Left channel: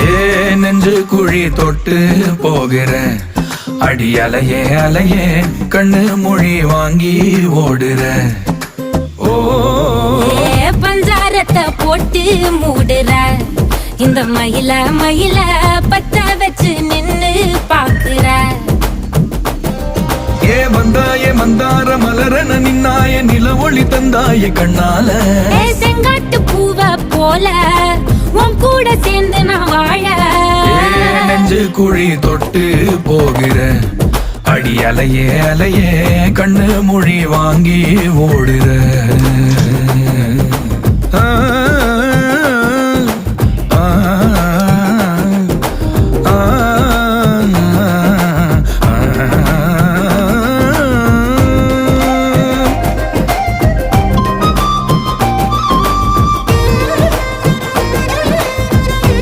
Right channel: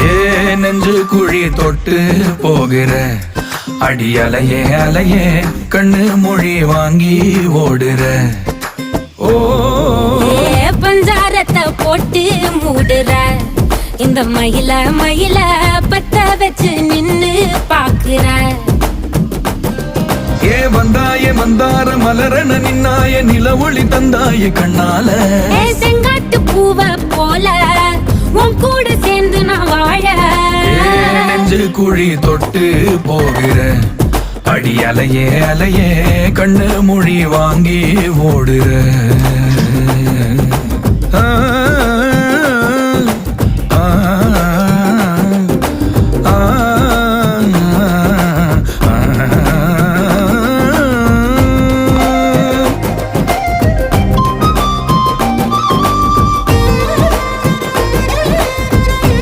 ஏ நெஞ்சு குழி தொட்டு போகிற அடி அலையே அலையே கண்ணு மொழி வாங்கி ஓடுற. ஓ பஞ்சாரத்தை போட்டு மூடுற இந்த மயில மயில பத்த வச்சு நின்னு பாக்குற. ஏ வந்தாய மந்தார மலரன நின்னாய நில ஒளி தந்தாய கண்ணால. செங்காட்டு பூவ போல உன் கூட சேர்ந்து நான் வாழ. நெஞ்சு குழி தொட்டு போகிற அடி அலையே அலையே கண்ணு மொழி வாங்கி ஓடுற. ஆ ஆ